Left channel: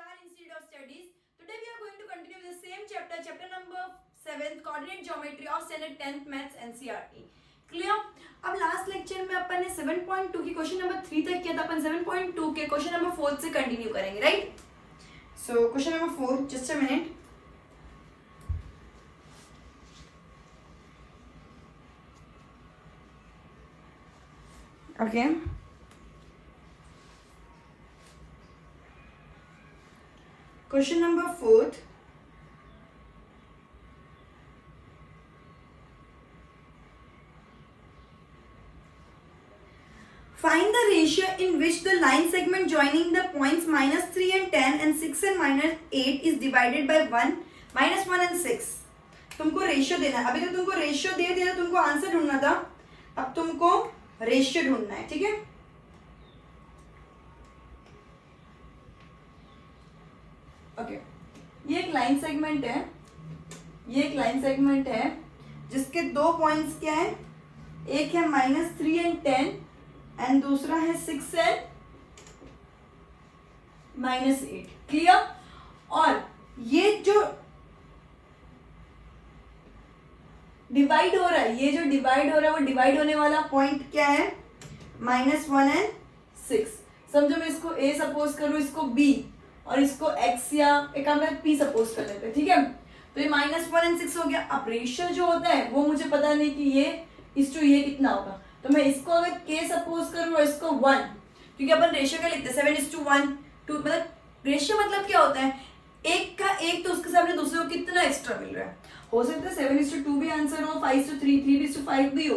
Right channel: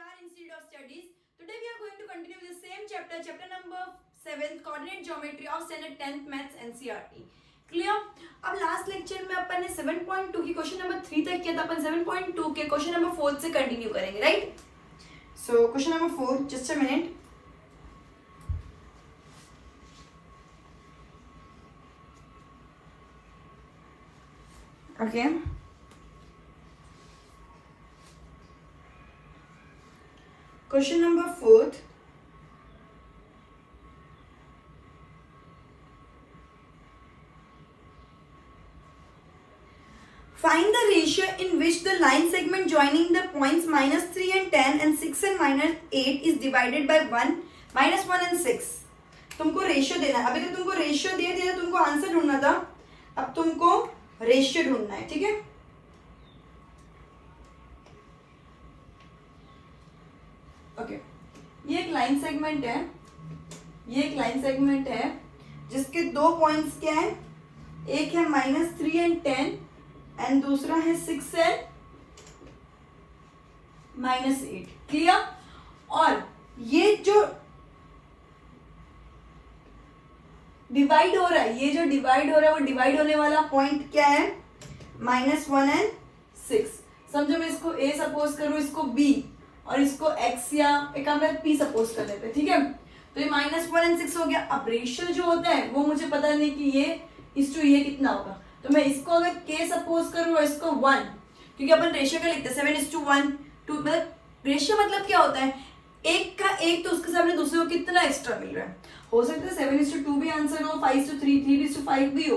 Star Institute of Studies. Today we are going to continue with the same chapter, chapter number 7, coordinate geometry of standard 10th maths NCERT. Clear? अब last lecture में अपन ने 7.2 की question number 3 तक किया था, अपन 7.2 के question number 4 से continue करेंगे, right? So question number 4, just a minute. Okay. Question number 4. Find the ratio in which the line segment joining the points -3 and 10 and 6 and -8 is divided by 1, -1 and 6. तुमको ratio देना है. अभी तो तुमको ratio दे दिया था, तुमको आंसर ढूंढना था. अब तुमको रेशियो ढूंढना है, ठीक है? ओके, ये एक लाइन सेगमेंट है. ये एक लाइन सेगमेंट है जिसके दो पॉइंट्स क्या है? एक है -3 एंड 10 एंड दूसरा है 6 एंड -8. क्लियर? और ये जो डिवाइड हो रहा है, ये जो डिवाइड हो रहा है वो डिवाइड होने वाला पॉइंट क्या है? -1 एंड 6. समझो मैं इसको A सपोज करूं, इसको B और इसको X या एक P सपोज कर लेते हैं, ठीक है? तो ये -1 एंड 6 हो गया. अब रेशियो जो होता है वो मुझे पता नहीं कि ये इस टू ये कितना होगा, तो मैं इसको अगर K सपोज करूं और इसको 1, क्योंकि अपन रेशियो क्या लिखते हैं 7:1 2, मतलब रेशियो मतलब क्या होता है? एक का एक तो उसके सामने दूसरे को कितना एक्स्ट्रा मिल रहा है. हो सकता है 7:2 भी आंसर हो, 5:3, 3:5 भी हो,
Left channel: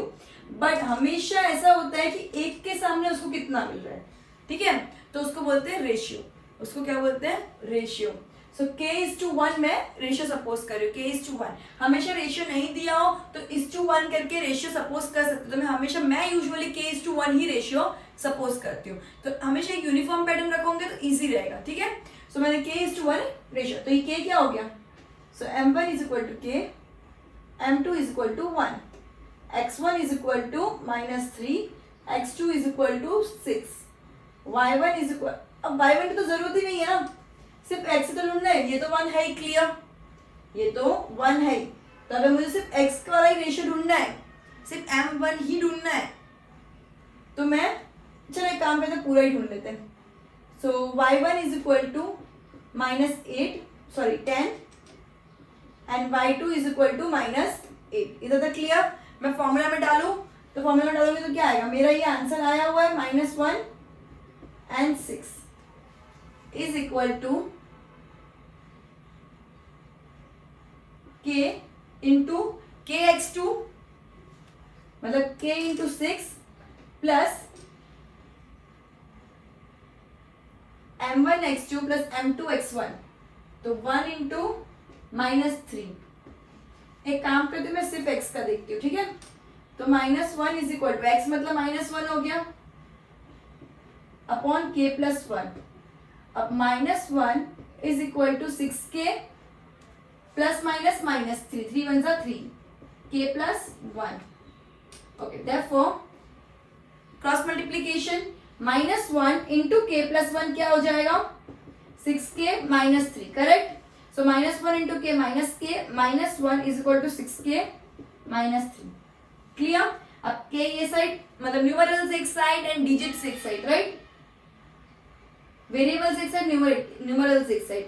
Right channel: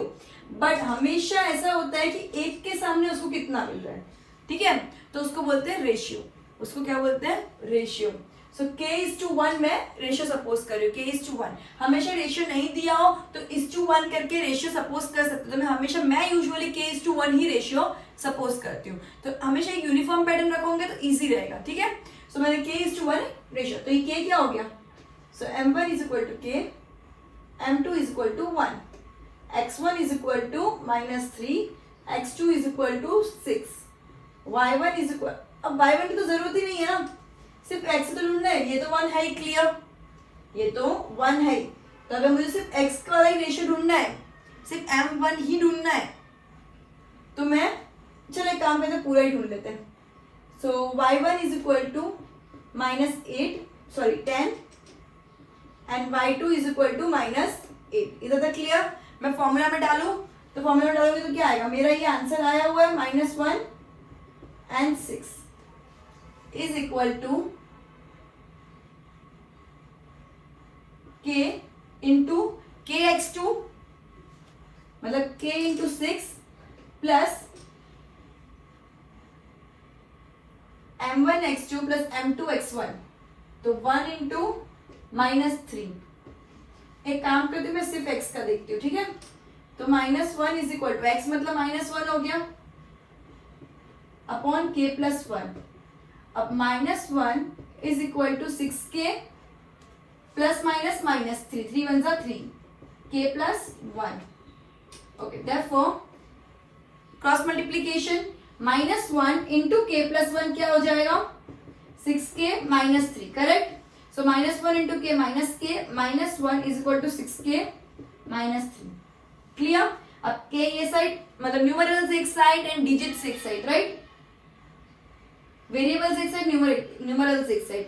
बट हमेशा ऐसा होता है कि एक के सामने उसको कितना मिल रहा है, ठीक है? तो उसको बोलते हैं रेशियो. उसको क्या बोलते हैं? रेशियो. सो K:1 में रेशियो सपोज कर रही हूँ, K:1. हमेशा रेशियो नहीं दिया हो तो 1:1 करके रेशियो सपोज कर सकते हो. तो मैं यूजुअली K:1 ही रेशियो सपोज करती हूँ. तो हमेशा एक यूनिफॉर्म पैटर्न रखोगे तो इजी रहेगा, ठीक है? सो मैंने K:1 रेशियो, तो ये K क्या हो गया? So M1 is equal to K, M2 is equal to 1, X1 is equal to -3, X2 is equal to 6, Y1 is equal, अब Y1 की तो जरूरत ही नहीं है ना, सिर्फ X तो ढूंढना है. ये तो 1 है, क्लियर? ये तो 1 है, तो अगर मुझे सिर्फ X का वाला ही रेशियो ढूंढना है, सिर्फ M1 ही ढूंढना है, तो मैं चलो एक काम करते हैं, पूरा ही ढूंढ लेते हैं. So Y1 is equal to -10 and Y2 is equal to -8. इधर तक क्लियर? मैं फॉर्मूला में डालू, तो फॉर्मूला में डालोगे तो क्या आएगा? मेरा ये आंसर आया हुआ है -1 and 6 is equal to K into KX2, मतलब K into 6 plus M1X2 plus M2X1, तो 1 इंटू -3. एक काम करती हूँ, मैं सिर्फ X का देखती हूँ, ठीक है? तो -1 इज इक्वल टू X मतलब -1 हो गया अपॉन K प्लस 1. अब -1 is equal to 6K plus -3, 3 1 जा 3, K plus 1. Okay, therefore cross multiplication -1 into K plus 1 क्या हो जाएगा? 6K -3, correct? So -1 into K -1 is equal to 6K -3. Clear? अब K ये साइड, मतलब न्यूमरल्स एक साइड एंड डिजिट्स एक साइड, राइट? वेरिएबल्स एक साइड, न्यूमरल्स एक side.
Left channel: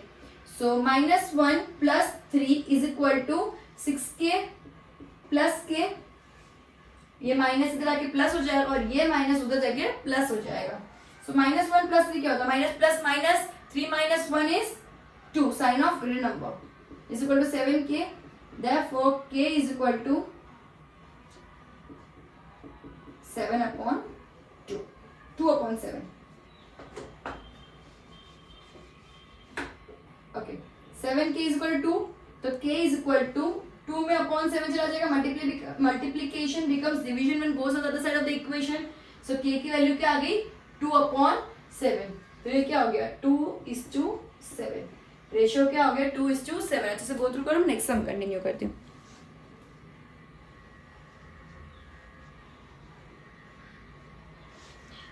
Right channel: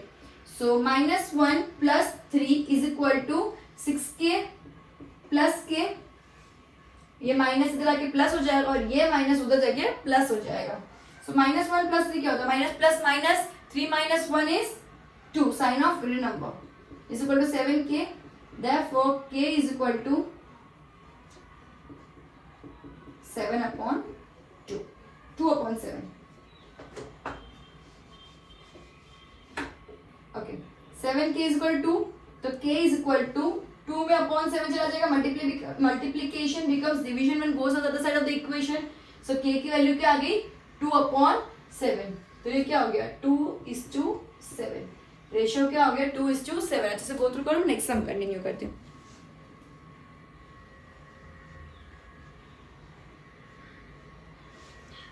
So -1 plus 3 is equal to 6K plus K. ये माइनस इधर आके प्लस हो जाएगा और ये माइनस उधर जाके प्लस हो जाएगा. सो -1 प्लस 3 क्या होता है? Minus plus minus, 3 - 1 is 2, sign of real number is equal to 7K. Therefore K is equal to 7/2, 2/7. Okay, 7K is equal to, तो K इज इक्वल टू 2 में अपॉन 7 चला जाएगा, multiplication becomes division when goes on the other side of the equation. So K की value क्या आ गई? 2/7. तो ये क्या हो गया? 2:7. रेशियो क्या हो गया? 2:7. अच्छे से गो थ्रू करो, नेक्स्ट हम कंटिन्यू करती हूँ.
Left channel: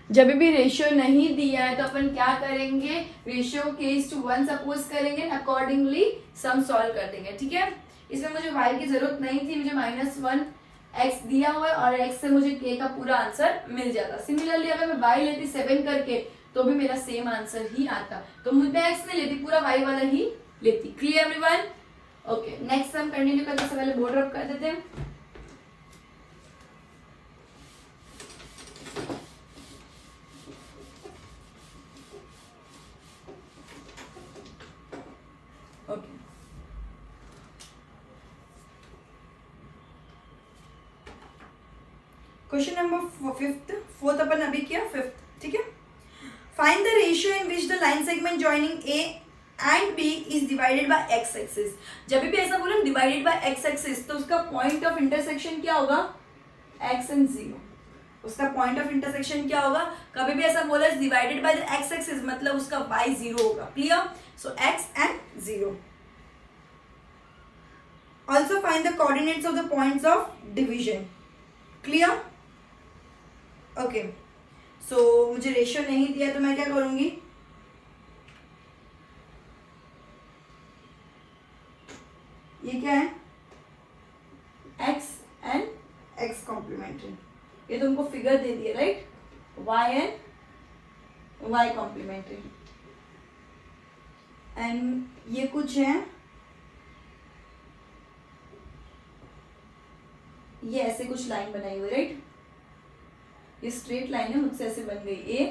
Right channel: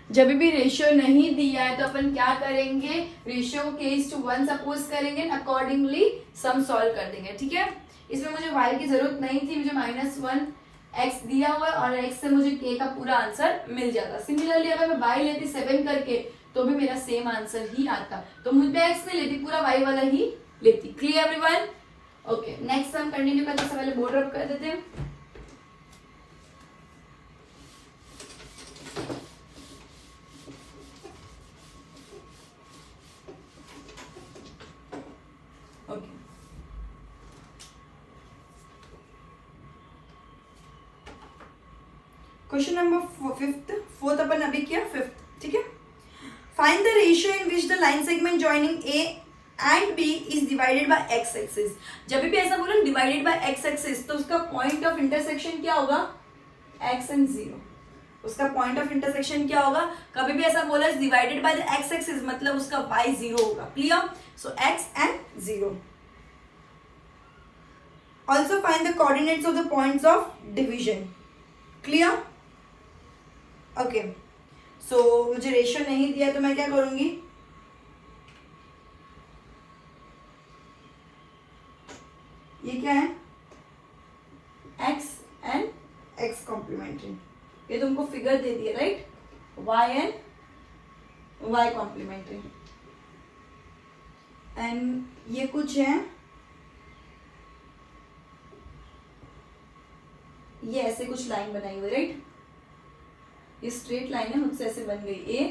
जब भी रेशियो नहीं दिया है तो अपन क्या करेंगे, रेशियो को k/1 सपोज करेंगे, अकॉर्डिंगली सम सॉल्व कर देंगे, ठीक है। इसमें मुझे y की जरूरत नहीं थी, मुझे -1 x दिया हुआ है और x से मुझे k का पूरा आंसर मिल जाता। सिमिलरली अगर मैं y लेती 7 करके तो भी मेरा सेम आंसर ही आता, तो मुझे x में लेती पूरा y वाला ही लेती। Clear everyone? ओके, नेक्स्ट सम कंटिन्यू करते से पहले बोर्ड रब कर देते हैं। क्वेश्चन नंबर फोर्थ अपन अभी किया, फिफ्थ, ठीक है। Find the ratio in which the line segment joining A and B is divided by x axis. जब भी ऐसा बोला डिवाइडेड बाय एक्स एक्सिस तो उसका पॉइंट ऑफ इंटरसेक्शन क्या होगा, एक्स एंड जीरो। उसका पॉइंट ऑफ इंटरसेक्शन क्या होगा, कभी भी ऐसा बोला divided by the X axis मतलब उसका वाई जीरो होगा। Clear? So X and zero. Also find the coordinates of the points of division. Clear? Okay, so मुझे रेशियो नहीं दिया तो मैं क्या करूंगी, ये क्या है, x एंड x कॉम्प्लीमेंट्री, ये तुमको फिगर दे दिया right, y and y complementary, and ये कुछ है, ये ऐसे कुछ लाइन बनाई हुई राइट, ये स्ट्रेट लाइन है, मुझसे ऐसे बन गई ए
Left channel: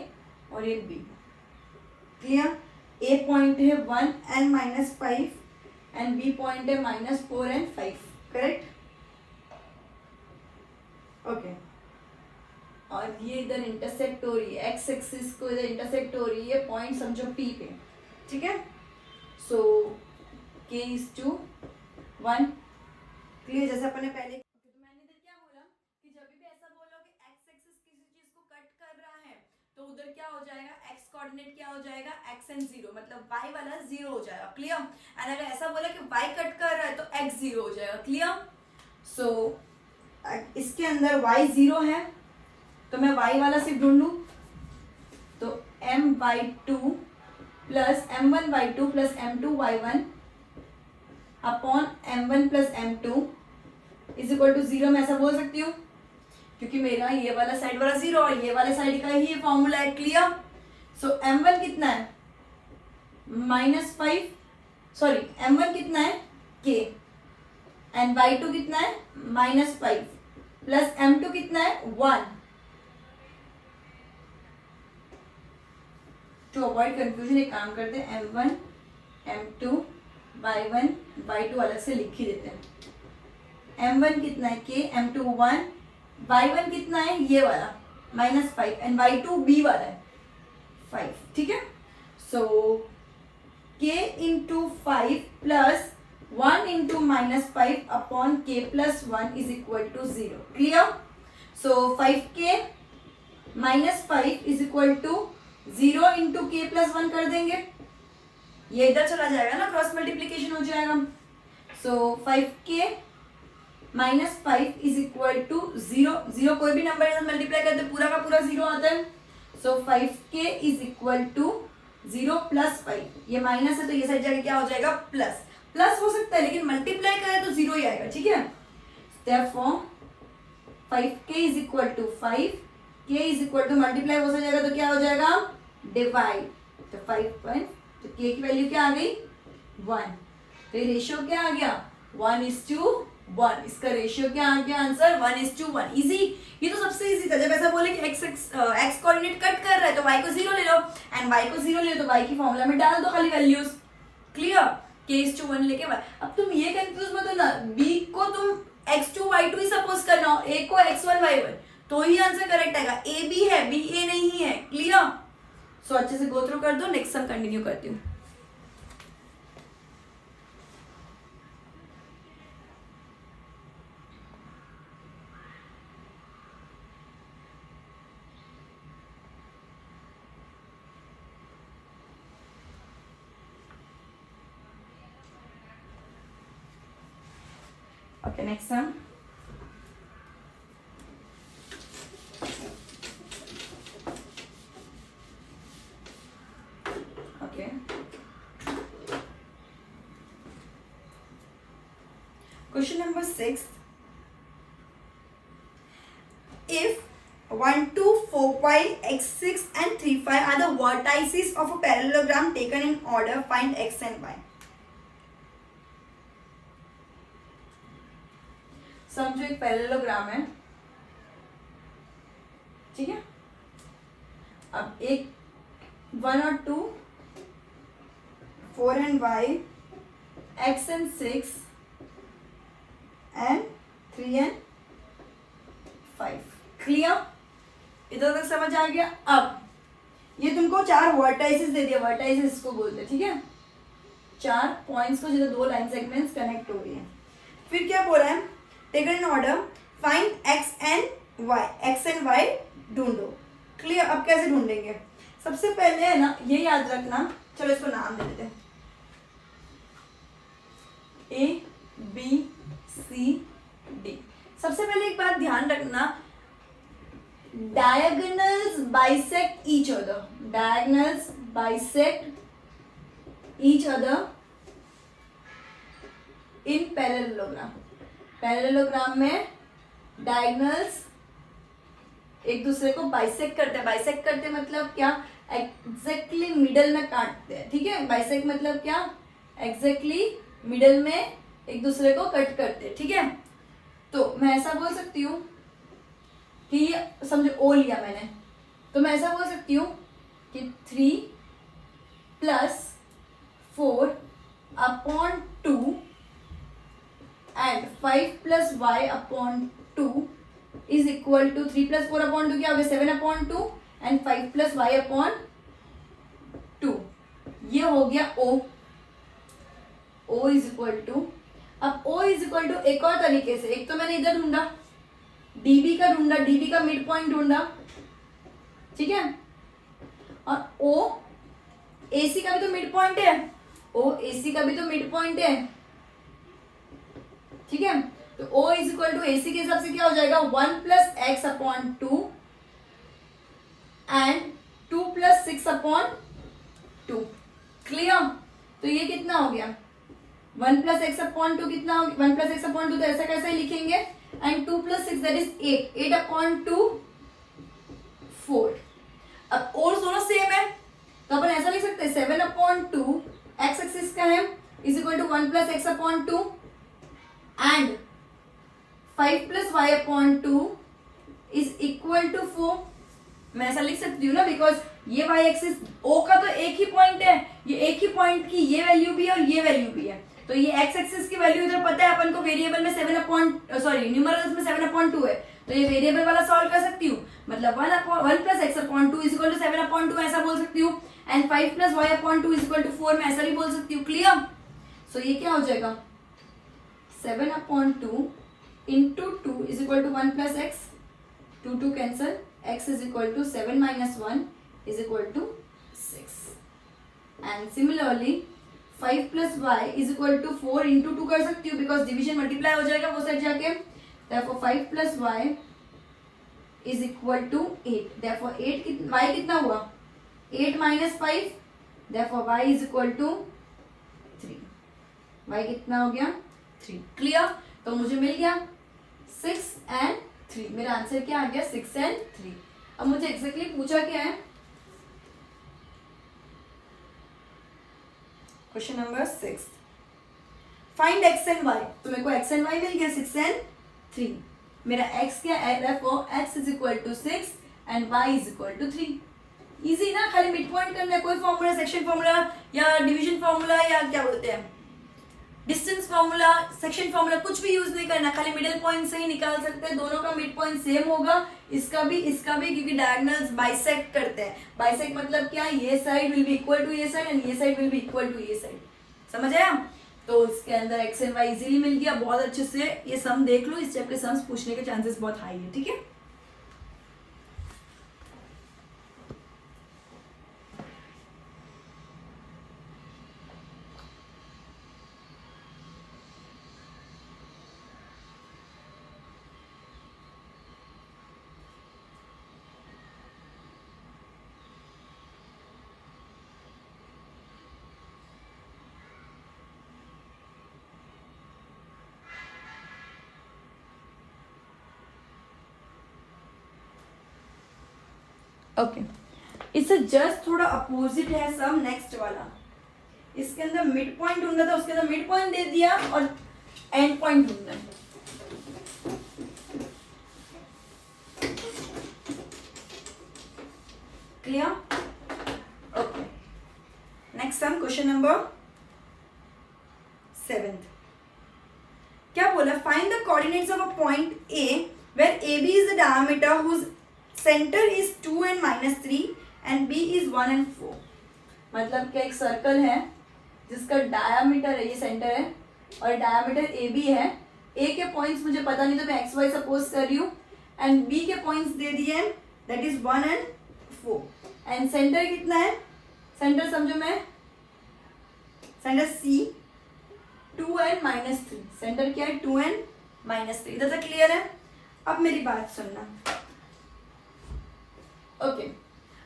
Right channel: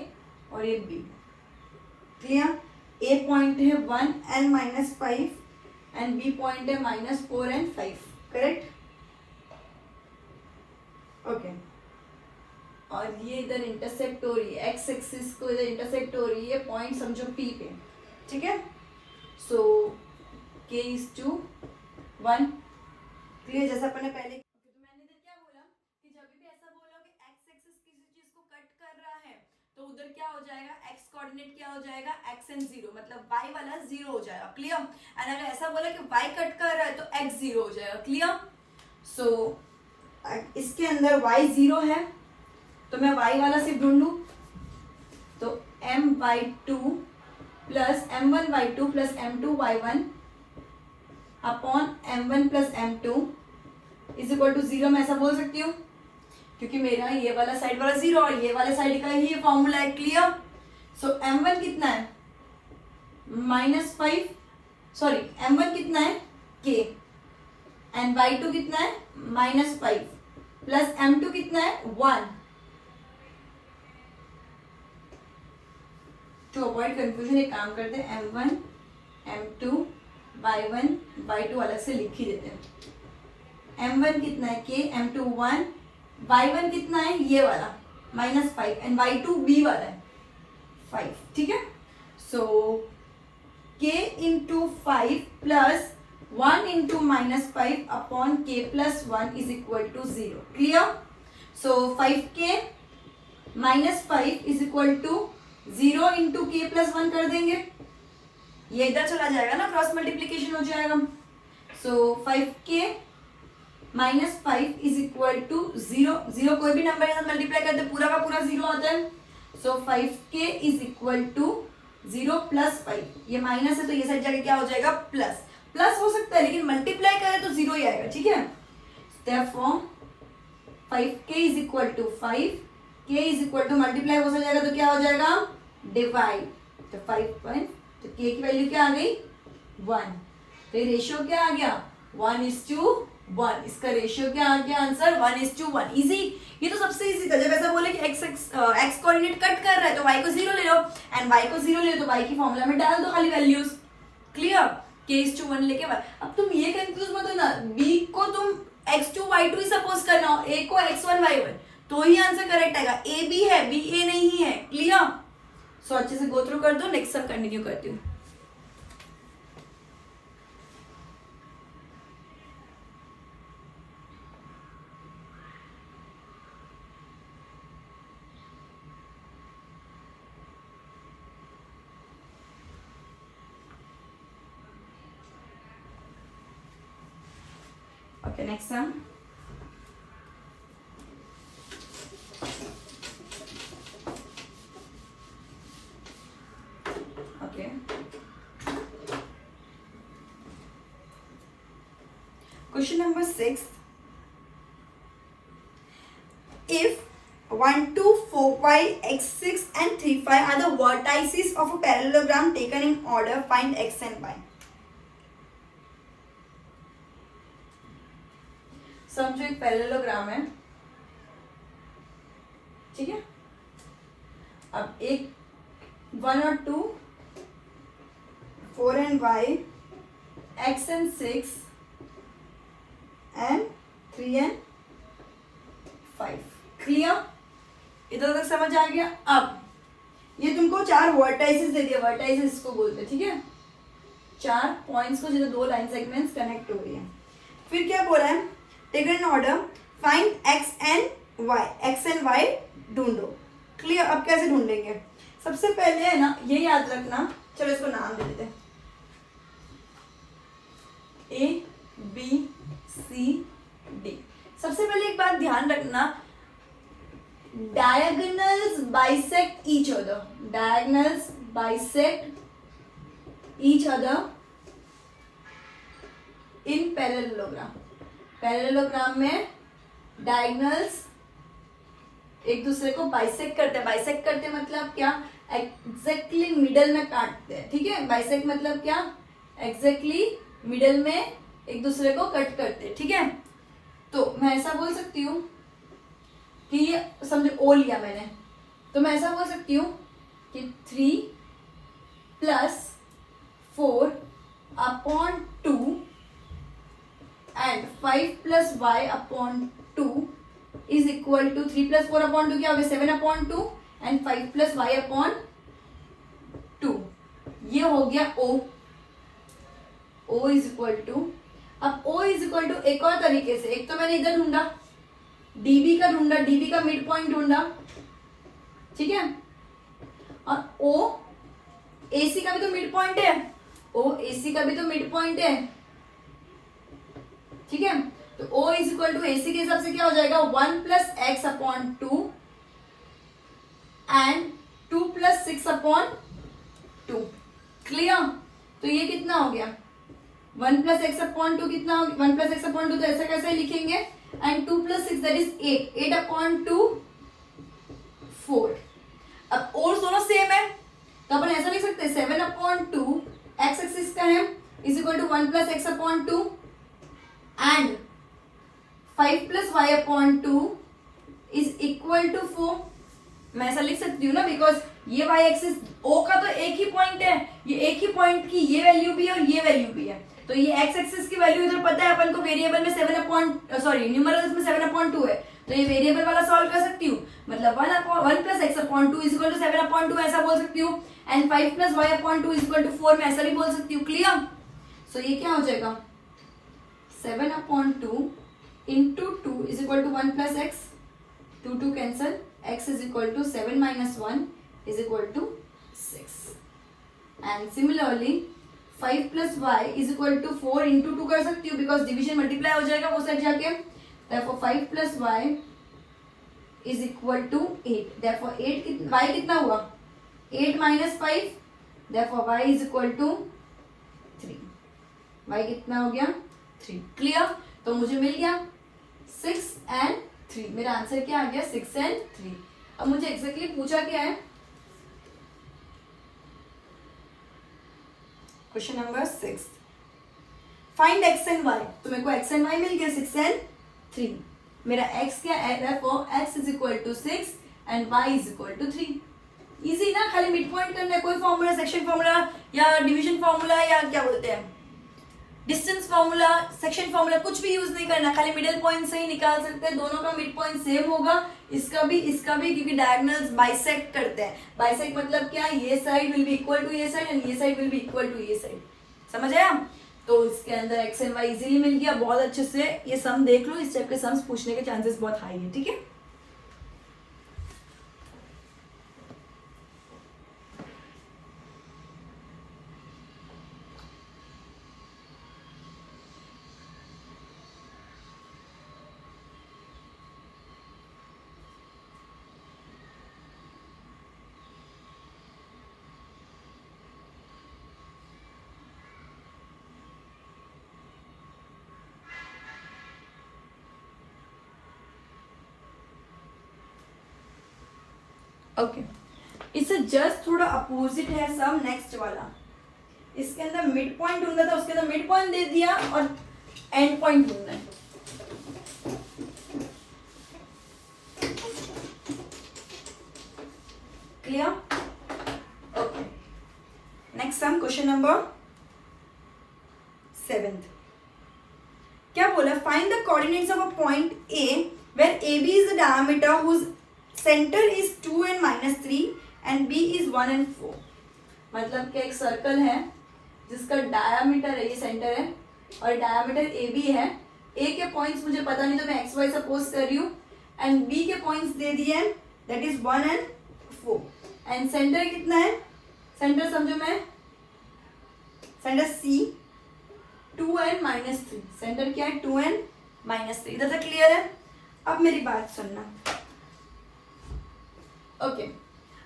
और ये बी। क्लियर? ए पॉइंट है 1 and -5 एंड बी पॉइंट है -4 and 5, करेक्ट? ओके, और ये इधर इंटरसेक्ट हो रही है, एक्स एक्सिस को इधर इंटरसेक्ट हो रही है, पॉइंट समझो पी पे, ठीक है। सो k/1। क्लियर? जैसे अपन ने पहले तो उधर क्या हो जाएगा, x कोऑर्डिनेट क्या हो जाएगा, x एंड 0, मतलब y वाला 0 हो जाएगा। क्लियर? एंड अगर ऐसा बोला कि y कट कर रहा है तो x 0 हो जाएगा। क्लियर? सो इसके अंदर y 0 है तो मैं y वाला से ढूंढू तो m/2 plus m1/2 plus m2/1 upon m1 plus m2 is equal to 0। मैं ऐसा बोल सकती हूँ क्योंकि मेरा ये वाला साइड वाला 0 और ये वाले साइड का ही ये फॉर्मूला है। क्लियर? सो m1 कितना है, -5, सॉरी m1 कितना है k, एंड y2 कितना है -5 प्लस m2 कितना है 1। टू अवॉइड कंफ्यूजन एक काम करते हैं, m1 m2 y1 y2 अलग से लिख ही देते हैं। m1 कितना है k, m2 1, y1 कितना है ये वाला -5 एंड y2 b वाला है 5, ठीक है। So k into 5 plus 1 into -5 upon k plus 1 is equal to 0। Clear? So 5k -5 is equal to 0 into k plus 1 कर देंगे, ये इधर चला जाएगा ना, क्रॉस मल्टीप्लीकेशन हो जाएगा। सो 5k -5 इज इक्वल टू 0, 0 कोई भी नंबर के साथ मल्टीप्लाई करते पूरा का पूरा 0 आता है। So 5k is equal to 0 plus 5, ये माइनस है तो ये साइड जाके क्या हो जाएगा प्लस, प्लस हो सकता है लेकिन मल्टीप्लाई करें तो 0 ही आएगा, ठीक है। Therefore 5k is equal to 5, k is equal to multiply हो जाएगा तो क्या हो जाएगा डिवाइड, तो 5 तो k की वैल्यू क्या आ गई 1, तो ये रेशियो क्या आ गया 1:1। इसका रेशियो क्या आ गया आंसर 1:1। इजी, ये तो सबसे इजी था। जब ऐसा बोले कि x कोऑर्डिनेट कट कर रहा है तो y को 0 ले लो, एंड y को 0 ले लो तो y की फॉर्मूला में डाल दो खाली वैल्यूज। क्लियर? k/1 लेके y। अब तुम ये कंफ्यूज मत होना, b को तुम x2 y2 ही सपोज करना हो, a को x1 y1 तो ही आंसर करेक्ट आएगा। a b है, b a नहीं है। क्लियर? सो अच्छे से गो थ्रू कर दो, नेक्स्ट सम कंटिन्यू करती हूँ। Okay, next sum. Question number 6, if 1, 2, 4, 5, x, 6 and 3, 5 are the vertices of a parallelogram taken in order, find x and y. समझो एक पैरेललोग्राम है, ठीक है। अब एक 1 और 2, 4 and y, x and 6 and 3 and 5। Clear? इधर तक समझ आ गया? अब ये तुमको 4 वर्टाइसेस दे दिया, वर्टाइसेस इसको बोलते हैं, ठीक है। 4 पॉइंट्स को जिधर 2 लाइन सेगमेंट्स कनेक्ट हो रही है। फिर क्या बोल रहा है, taken in order, find x and y, x and y ढूंढो। क्लियर? अब कैसे ढूंढेंगे? सबसे पहले है ना, ये याद रखना, चलो इसको नाम दे देते हैं, ए बी सी डी। सबसे पहले एक बात ध्यान रखना, diagonals bisect each other, diagonals bisect each other in parallelogram। Parallelogram में डायगोनल्स एक दूसरे को बाइसेक्ट करते हैं। बाइसेक्ट करते मतलब क्या? एग्जैक्टली मिडल में काटते हैं, ठीक है। बाइसेक्ट मतलब क्या? एग्जैक्टली मिडल में एक दूसरे को कट करते हैं, ठीक है। तो मैं ऐसा बोल सकती हूँ कि ये समझो ओ लिया मैंने, तो मैं ऐसा बोल सकती हूँ कि 3 + 4 upon 2 and 5 + y upon 2 is equal to 3 + 4 upon 2 क्या हो गया? 7 अपॉन 2 एंड 5 + y अपॉन 2। ये हो गया O। O is equal to, अब O इज इक्वल टू एक और तरीके से, एक तो मैंने इधर ढूंढा, डीबी का ढूंढा, डीबी का मिड पॉइंट ढूंढा, ठीक है। और O AC का भी तो मिड पॉइंट है, O AC का भी तो मिड पॉइंट है, ठीक है। तो O is equal to AC के हिसाब से क्या हो जाएगा? 1 + x upon 2 and 2 + 6 upon 2। Clear? तो ये कितना हो गया? 1 + x अपॉन 2 कितना हो गया? 1 + x अपॉन 2 तो ऐसा कैसे लिखेंगे? And 2 + 6 that is 8, 8 upon 2 4। अब और दोनों सेम है तो अपन ऐसा लिख सकते हैं 7 अपॉन 2 x एक्सिस का है is equal to 1 + x upon 2 and 5 + y upon 2 is equal to 4। मैं ऐसा लिख सकती हूँ ना, बिकॉज ये y एक्सिस O का तो एक ही पॉइंट है, ये एक ही पॉइंट की ये वैल्यू भी है और ये वैल्यू भी है, तो ये x एक्सिस की वैल्यू इधर पता है अपन को, वेरिएबल में 7 अपॉन न्यूमरल्स में 7 अपॉन 2 है, तो ये वेरिएबल वाला सॉल्व कर सकती हूँ। मतलब 1 + x upon 2 is equal to 7 upon 2 ऐसा बोल सकती हूँ, and 5 + y upon 2 is equal to 4 मैं ऐसा भी बोल सकती हूँ। क्लियर? सो ये क्या हो जाएगा? 7 upon 2 into 2 is equal to 1 + x, 2 2 cancel, x is equal to 7 - 1 is equal to 6 and similarly 5 + y is equal to 4 into 2 कर सकती हूँ, बिकॉज डिवीजन मल्टीप्लाई हो जाएगा वो साइड जाके। therefore 5 + y is equal to 8, therefore 8 y कितना हुआ? 8 - 5, therefore y is equal to 3। y कितना हो गया? 3। क्लियर? तो मुझे मिल गया 6 and 3। मेरा आंसर क्या आ गया? 6 and 3। अब मुझे एक्जैक्टली पूछा क्या है? Question number 6, find x and y। तो मेरे को x and y मिल गया 6 and 3। मेरा x क्या है? therefore x is equal to 6 and y is equal to 3। Easy ना, खाली मिड पॉइंट करना है, कोई फॉर्मूला, सेक्शन फॉर्मूला या डिवीजन फॉर्मूला या क्या बोलते हैं डिस्टेंस फॉर्मूला, सेक्शन फॉर्मूला कुछ भी यूज नहीं करना, खाली मिडिल पॉइंट से ही निकाल सकते हैं। दोनों का मिड पॉइंट सेम होगा, इसका भी क्योंकि डायगोनल्स बाइसेक्ट करते हैं। बाइसेक्ट मतलब क्या? ये side will be equal to ये साइड एंड ये side will be equal to ये साइड। समझ आया? तो इसके अंदर x एंड y इजीली मिल गया। बहुत अच्छे से ये सम देख लो, इस टाइप के सम्स पूछने के चांसेस बहुत हाई है, ठीक है। ओके, इससे जस्ट थोड़ा अपोजिट है सम नेक्स्ट वाला। इसके अंदर मिड पॉइंट ढूंढना था, उसके अंदर मिड पॉइंट दे दिया और एंड पॉइंट ढूंढना है। Clear? Okay, next sum, question number 7। क्या बोला? Find the coordinates of a point A where A B is the diameter whose centre is 2 and -3 and B is 1 and 4। मतलब कि एक circle है जिसका डायमीटर है, ये सेंटर है और डायमीटर ए बी है। ए के पॉइंट्स मुझे पता नहीं तो मैं एक्स वाई सपोज कर रही हूँ, एंड बी के पॉइंट्स दे दिए हैं, that is 1 and 4। And centre कितना है? सेंटर समझो मैं, सेंटर सी 2 and -3। सेंटर क्या है? 2 and -3। इधर तक क्लियर है? अब मेरी बात सुनना। ओके,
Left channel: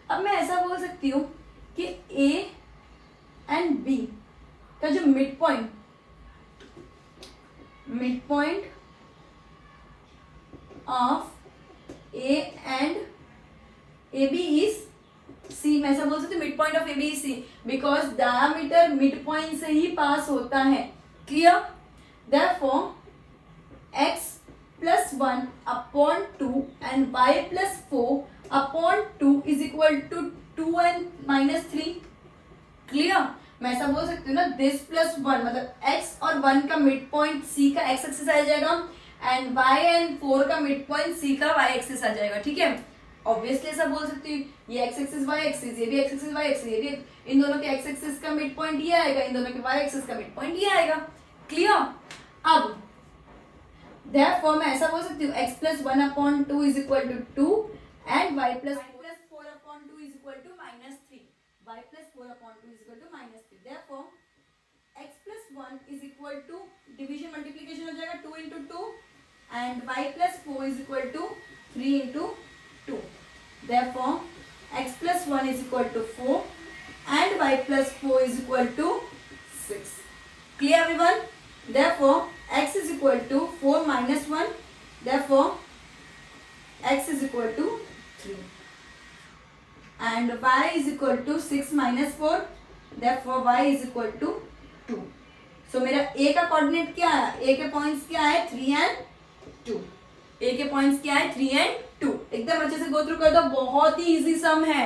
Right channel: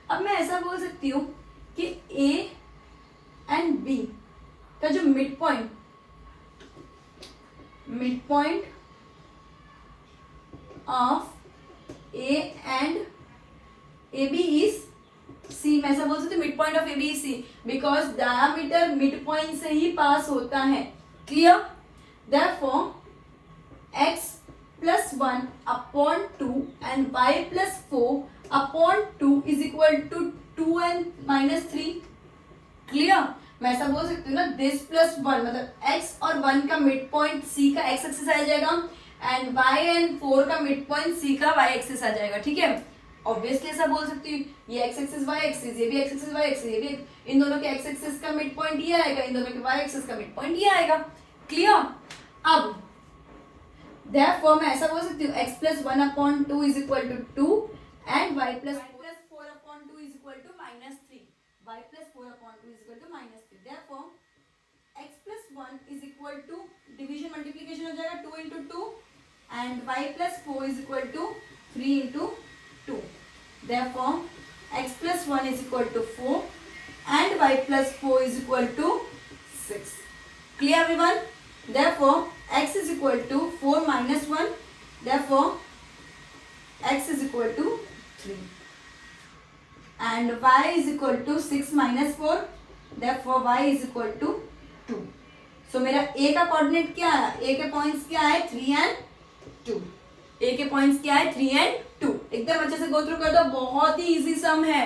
अब मैं ऐसा बोल सकती हूँ कि ए एंड बी का जो mid point of A and A B is C. मैं ऐसा बोल सकती हूँ mid point of A B is C because diameter mid point से ही पास होता है। Clear? Therefore x plus 1 upon 2 and y plus 4 upon 2 is equal to 2 and -3। Clear? मैं ऐसा बोल सकती हूँ ना, दिस प्लस 1 मतलब x और 1 का मिड पॉइंट c का x एक्सिस आ जाएगा एंड y एंड 4 का मिड पॉइंट c का y एक्सिस आ जाएगा। ठीक है, ऑब्वियसली ऐसा बोल सकती हूँ, ये x एक्सिस y एक्सिस, ये भी x एक्सिस y एक्सिस, ये भी, इन दोनों के x एक्सिस का मिड पॉइंट ये आएगा, इन दोनों के y एक्सिस का मिड पॉइंट ये आएगा। क्लियर? अब therefore मैं ऐसा बोल सकती हूँ x plus 1 upon 2 is equal to 2 and y plus 4 upon 2 is equal to -3। y plus 4 upon 2 is equal to -3। therefore x plus 1 is equal to, division multiplication हो जाएगा 2 into 2 and y plus 4 is equal to 3 into 2। therefore x plus 1 is equal to 4 and y plus 4 is equal to 6। clear everyone? therefore x is equal to 4 minus 1, therefore x is equal to 3 and y is equal to 6 minus 4, therefore y is equal to 2। so मेरा a का coordinate क्या है? a के points क्या है? 3 and 2। a के points क्या है? 3 and 2। एकदम अच्छे से गो थ्रू कर दो, बहुत ही इजी सम है,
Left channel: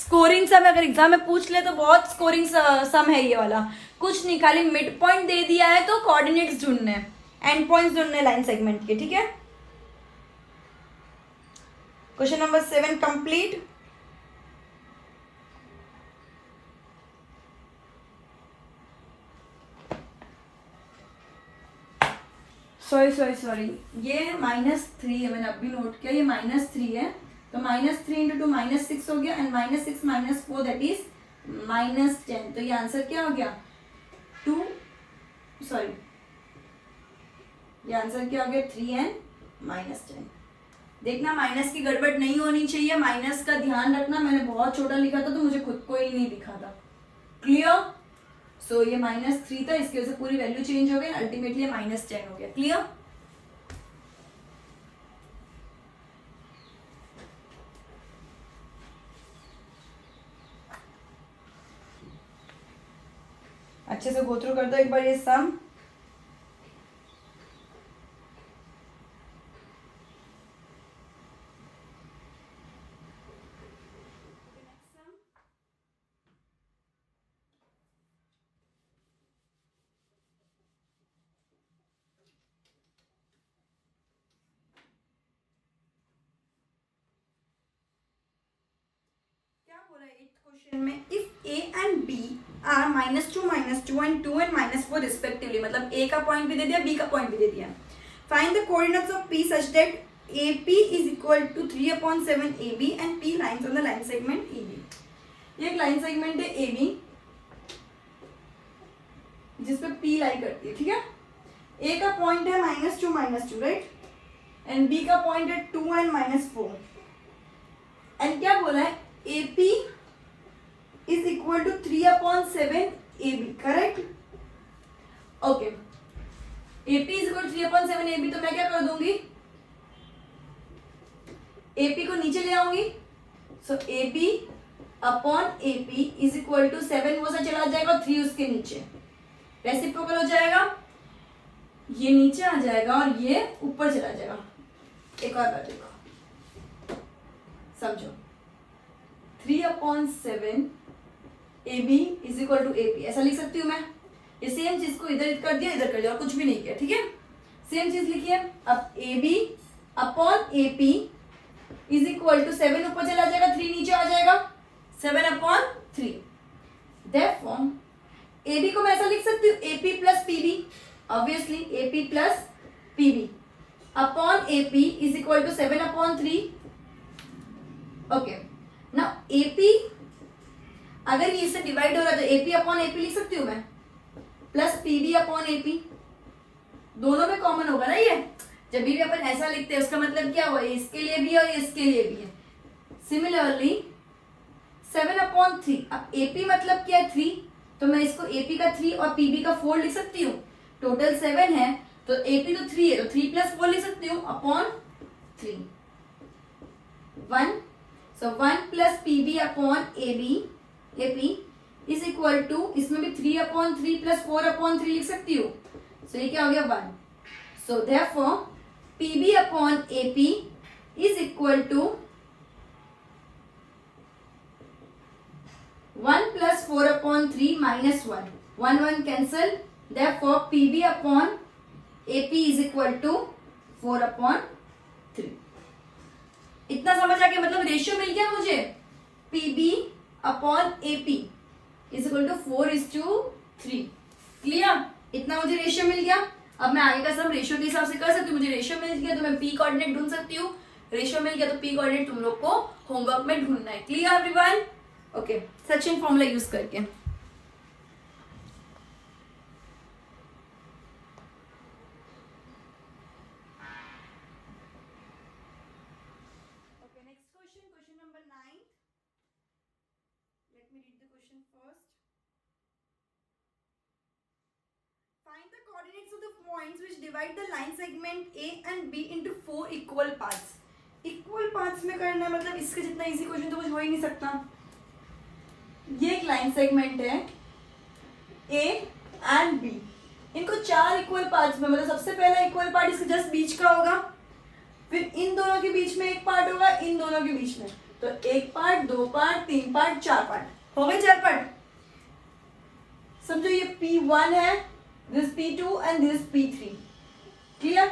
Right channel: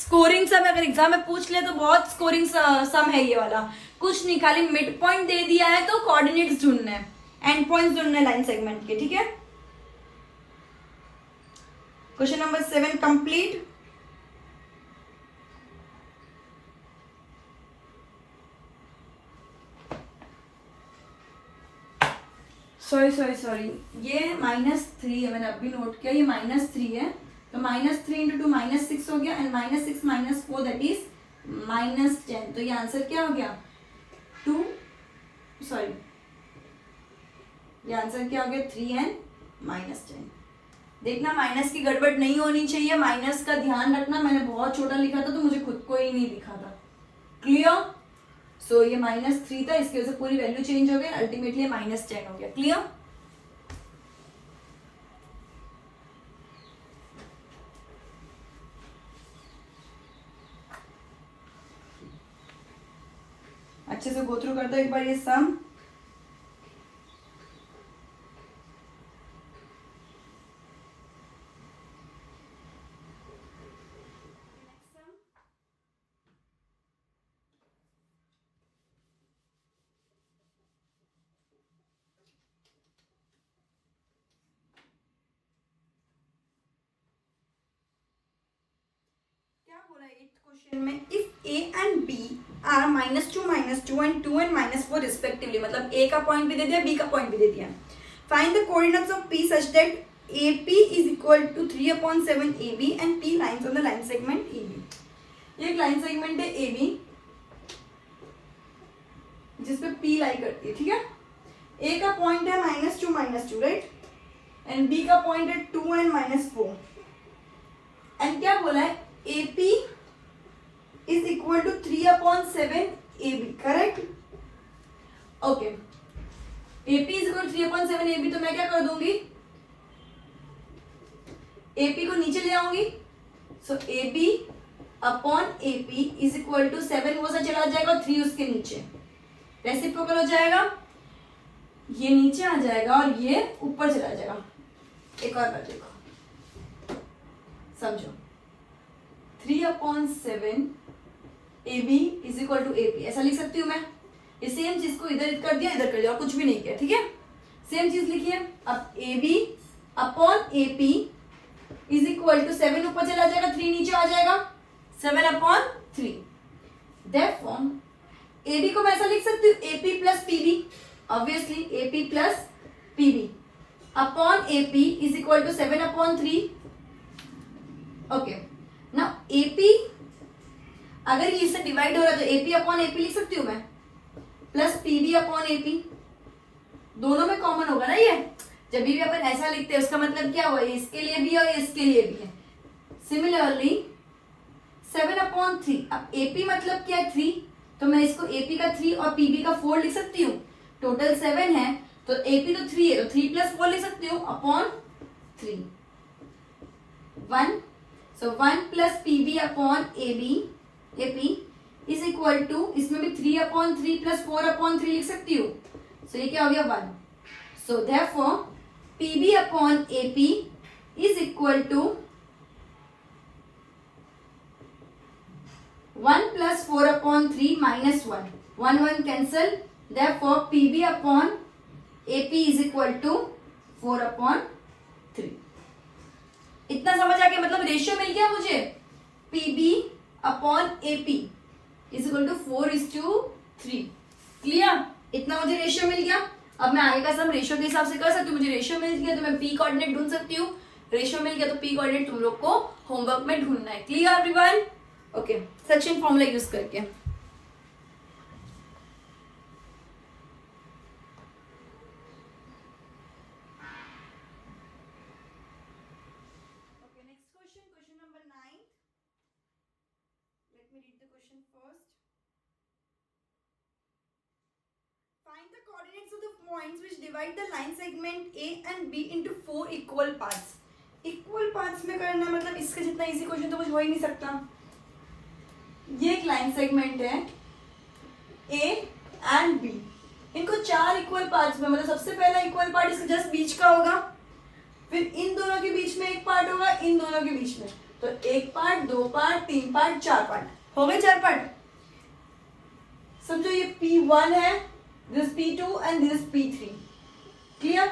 स्कोरिंग सम। अगर एग्जाम में पूछ ले तो बहुत स्कोरिंग सम है ये वाला। कुछ नहीं, खाली मिड पॉइंट दे दिया है तो कोऑर्डिनेट्स ढूंढने हैं, एंड पॉइंट्स ढूंढने हैं लाइन सेगमेंट के। ठीक है, क्वेश्चन नंबर 7 कंप्लीट। सॉरी ये -3 है, मैंने अभी नोट किया, ये -3 है तो -3 into 2 -6 हो गया एंड -6 - 4 दैट इज -10। तो ये आंसर क्या हो गया? ये आंसर क्या हो गया? 3 and -10। देखना माइनस की गड़बड़ नहीं होनी चाहिए, माइनस का ध्यान रखना। मैंने बहुत छोटा लिखा था तो मुझे खुद को ही नहीं दिखा था। क्लियर? सो ये -3 था, इसकी वजह से पूरी वैल्यू चेंज हो गई, अल्टीमेटली -10 हो गया। क्लियर? अच्छे से गो थ्रू कर दो एक बार ये सम। क्या बोला 8th क्वेश्चन में? If a and b are -2 and 2 and -4 respectively, मतलब a का पॉइंट भी दे दिया, b का पॉइंट भी दे दिया। Find the coordinates of p such that AP is equal to 3/7 AB and P lines on the line segment AB। ये एक line segment है AB जिसपे P लाई करती है। ठीक है, A का पॉइंट है -2 राइट, एंड B का पॉइंट है 2 and -4। एंड क्या बोला है? AP is equal to 3/7 AB, correct? Okay, AP is equal to 3/7 AB, तो मैं क्या कर दूंगी? AP को नीचे ले आऊंगी, so A B upon A P is equal to 7 वो से चला जाएगा, 3 उसके नीचे, रेसिप्रोकल हो जाएगा, ये नीचे आ जाएगा और ये ऊपर चला जाएगा। एक और बार देखो, समझो, 3/7 A B is equal to A P, ऐसा लिख सकती हूँ मैं। ये सेम चीज को इधर कर दिया, इधर कर दिया, और कुछ भी नहीं किया, ठीक है, सेम चीज लिखिए। अब A B upon A P is equal to 7 ऊपर चला जाएगा, 3 नीचे आ जाएगा, 7/3। देयरफॉर ए बी को मैं ऐसा लिख सकती हूँ, A P plus P B, obviously A P plus P B upon A P is equal to 7/3। Okay, now A P अगर ये इससे डिवाइड हो रहा है तो A P upon A P लिख सकती हूँ मैं, plus P B upon A P, दोनों में कॉमन होगा ना ये। जब भी अपन ऐसा लिखते हैं उसका मतलब क्या हुआ, इसके लिए भी और इसके लिए भी है। सिमिलरली 7/3, अब AP मतलब क्या है 3, तो मैं इसको AP का 3 और PB का 4 लिख सकती हूँ। टोटल 7 है तो AP तो 3 है, तो 3 + 4 लिख सकती हूँ upon 3, 1। So 1 + PB upon AP is equal to, इसमें भी 3/3 + 4/3 लिख सकती हूँ। सो ये क्या हो गया 1। So therefore PB upon AP is equal to 1 + 4/3 -1, 1 कैंसल, therefore PB upon AP is equal to 4/3। इतना समझ आ गया, मतलब रेशियो मिल गया मुझे, PB upon AP is equal to 4:3। Clear, इतना मुझे रेशियो मिल गया। अब मैं आगे का सम रेशियो के हिसाब से कर सकती हूँ। मुझे रेशियो मिल गया तो मैं पी कोऑर्डिनेट ढूंढ सकती हूँ, रेशियो मिल गया तो पी कोऑर्डिनेट तुम लोग को होमवर्क में ढूंढना है। Clear everyone? Okay, Sachin formula use करके Find the coordinates of the points which divide the line segment A and B into 4 equal parts. Equal parts में करना मतलब इसके जितना इजी क्वेश्चन तो कुछ हो ही नहीं सकता। ये एक लाइन सेगमेंट है A and B, इनको 4 इक्वल पार्ट्स में, मतलब सबसे पहला इक्वल पार्ट इसके जस्ट बीच का होगा, फिर इन दोनों के बीच में एक पार्ट होगा, इन दोनों के बीच में, तो एक पार्ट, 2 पार्ट, 3 पार्ट, 4 पार्ट हो गए, 4 पार्ट। समझो ये P1 है, this P2 and this P3, clear?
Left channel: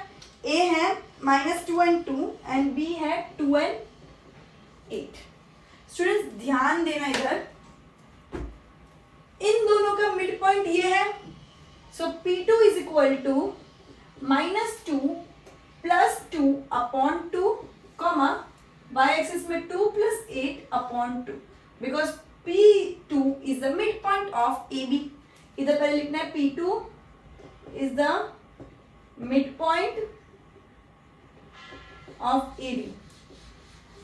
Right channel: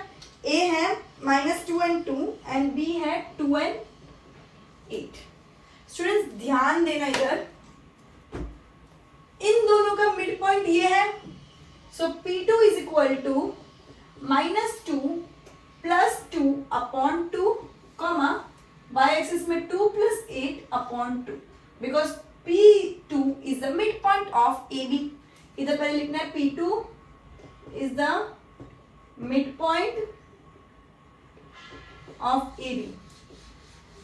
A है -2 and 2 and B है 2 and 8। स्टूडेंट्स ध्यान देना इधर, इन दोनों का मिड पॉइंट ये है, so P2 is equal to -2 + 2/2, comma y axis में 2 + 8/2, because P2 is the mid point of AB। इधर पहले लिखना है P2 is the midpoint of AB,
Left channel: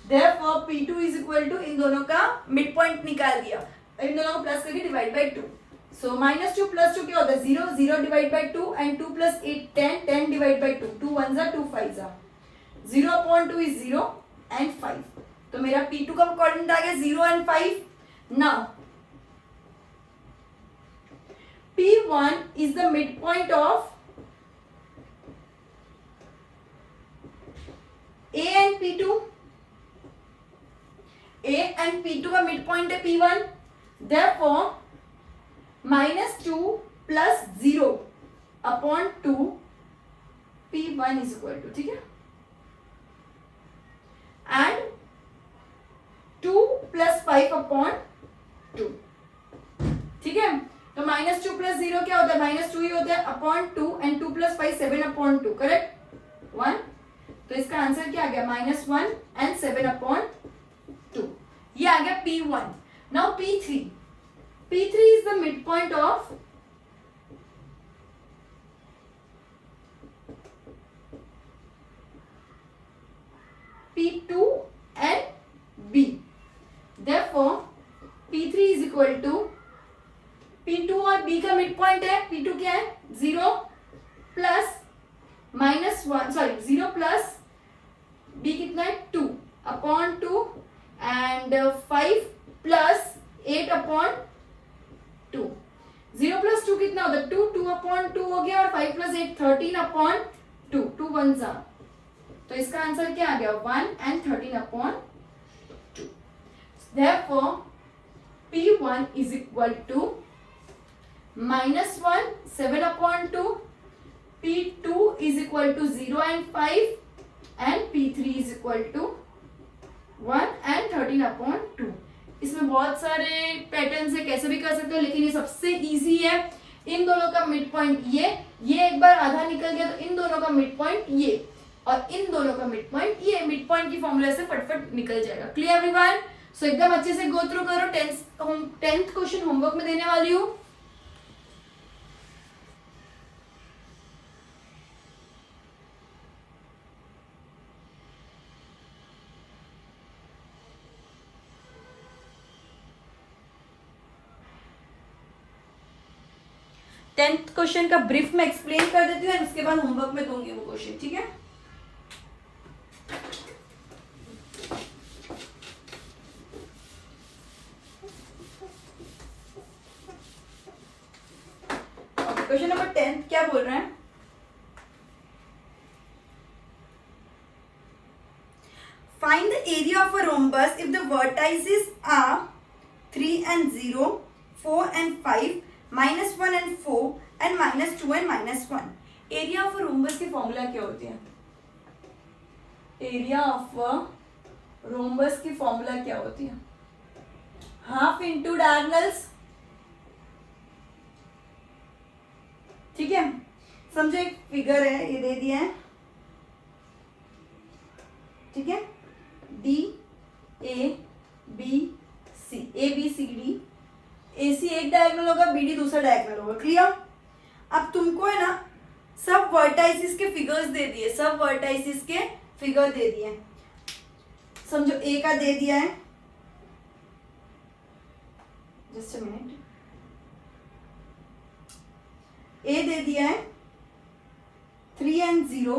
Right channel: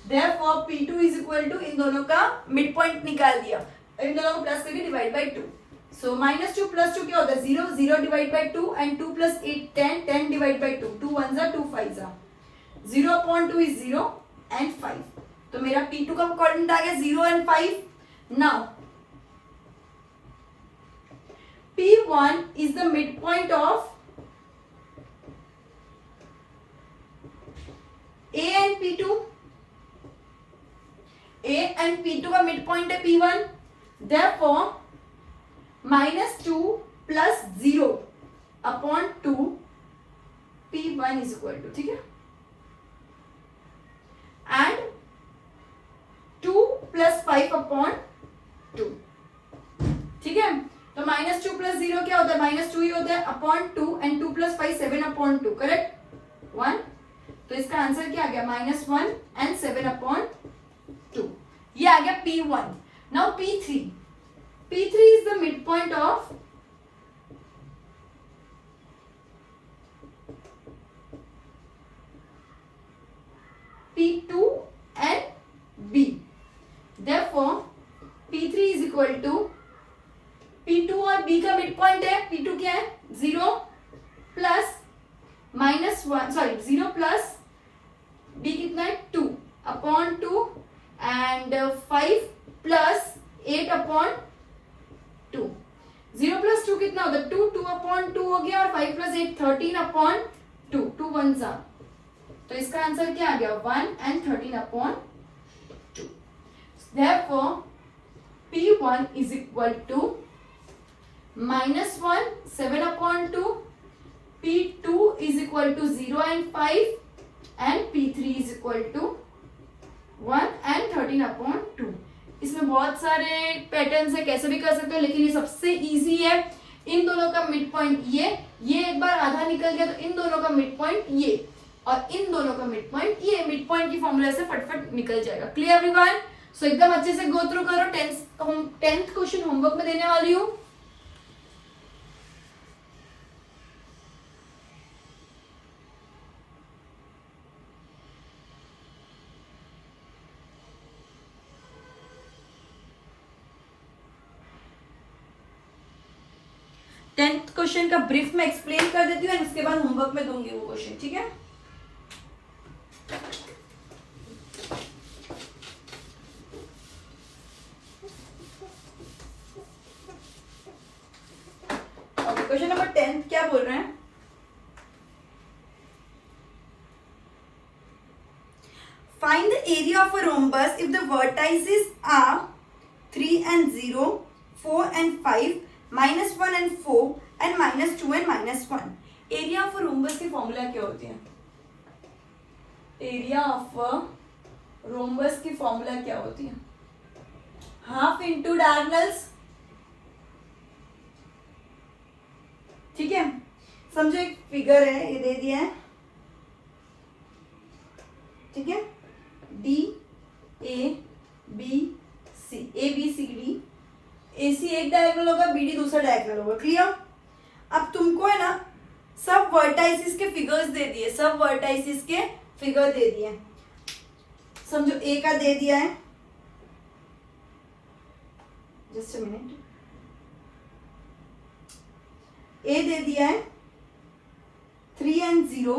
therefore P2 is equal to, इन दोनों का midpoint निकाल दिया, इन दोनों को प्लस करके डिवाइड बाई 2, सो -2 + 2 क्या होता है 0, 0 divide by 2 and 2 + 8 10, 10 divide by 2, 2 1 = 2 5 = 0/2 is 0 and 5, तो मेरा P2 का कोऑर्डिनेट आ गया 0 and 5। Now P1 is the midpoint of A and P2, A and P2 का midpoint है P1, therefore -2 + 0/2 P1 is equal to, ठीक है, and 2 + 5/2, ठीक है। तो -2 + 0 क्या होता है, -2 ही होता है अपॉन 2 एंड 2 + 5 7/2, करेक्ट 1। तो इसका आंसर क्या आ गया -1 एंड 7/2, ये आ गया P1। Now P3 is the mid point of P2 and B, therefore P3 is equal to, P2 और B का मिड पॉइंट है, P2 क्या है 0 + -1, सॉरी 0 + B कितना है 2/2 एंड एंड 5 प्लस 8/2। 0 प्लस 2 कितना होता है 2, 2/2 हो गया, और 5 प्लस 8 13/2, 2 1 जा, तो इसका आंसर क्या आ गया 1 and 13/2। Therefore P1 is equal to -1 7/2, P2 is equal to 0 and 5, and P3 is equal to 1 and 13/2। इसमें बहुत सारे पैटर्न्स है, कैसे भी कर सकते हो, लेकिन ये सबसे इजी है। इन दोनों का मिड पॉइंट ये एक बार आधा निकल गया तो इन दोनों का मिड पॉइंट ये, और इन दोनों का मिड पॉइंट ये, मिड पॉइंट की फॉर्मूला से फटफट निकल जाएगा। Clear everyone? सो एकदम अच्छे से गो थ्रू करो। 10th क्वेश्चन होमवर्क में देने वाली हूँ। टेंथ क्वेश्चन का ब्रीफ में एक्सप्लेन कर देती हूँ, इसके बाद होमवर्क में दूंगी वो क्वेश्चन, ठीक है? क्वेश्चन नंबर 10 क्या बोल रहे हैं? Find the area of a rhombus if the vertices are 3 and 0, 4 and 5, -1 and 4, and -2 and -1। Area of rhombus की फॉर्मूला क्या होती है? एरिया ऑफ रोम्बस की फॉर्मूला क्या होती है? हाफ इंटू डायगोनल्स, ठीक है? समझो एक फिगर है, ये दे दिया है, ठीक है? D A B C, ABCD, AC एक डायगोनल होगा, BD दूसरा डायगोनल होगा। क्लियर? अब तुमको है ना सब वर्टाइसिस के फिगर्स दे दिए, सब वर्टाइसिस के फिगर दे दिए। समझो A का दे दिया है, जस्ट अ मिनट, A दे दिया है 3 and 0,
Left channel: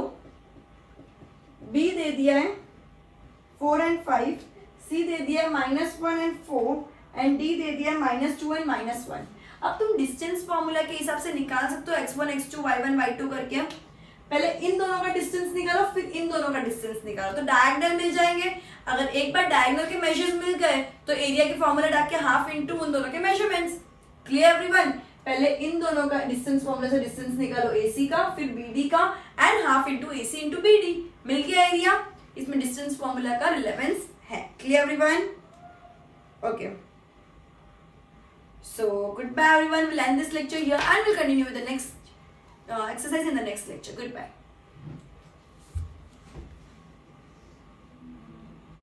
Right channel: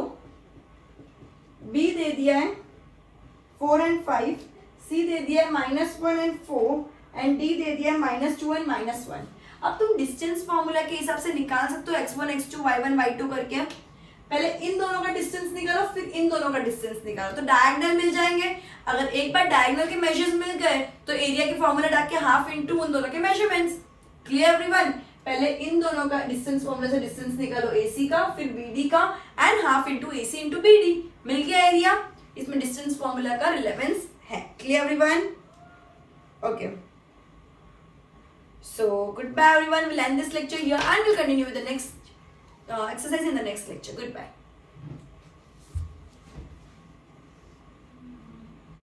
B दे दिया है 4 and 5, C दे दिया है -1 and 4, एंड D दे दिया है -2 and -1। अब तुम डिस्टेंस फॉर्मूला के हिसाब से निकाल सकते हो x1 x2 y1 y2 करके। पहले इन दोनों का डिस्टेंस निकालो, फिर इन दोनों का डिस्टेंस निकालो, तो डायगोनल मिल जाएंगे। अगर एक बार डायगोनल के मेजर्स मिल गए तो एरिया की फॉर्मूला डाल के हाफ इंटू उन दोनों के मेजरमेंट्स। Clear everyone? पहले इन दोनों का डिस्टेंस फॉर्मूला से डिस्टेंस निकालो AC का, फिर BD का, and half into AC into BD, मिल गया एरिया। इसमें डिस्टेंस फॉर्मूला का रिलेवेंस है। Clear everyone? Okay, so goodbye everyone, we'll end this lecture here and we'll continue with the next exercise in the next lecture. Goodbye.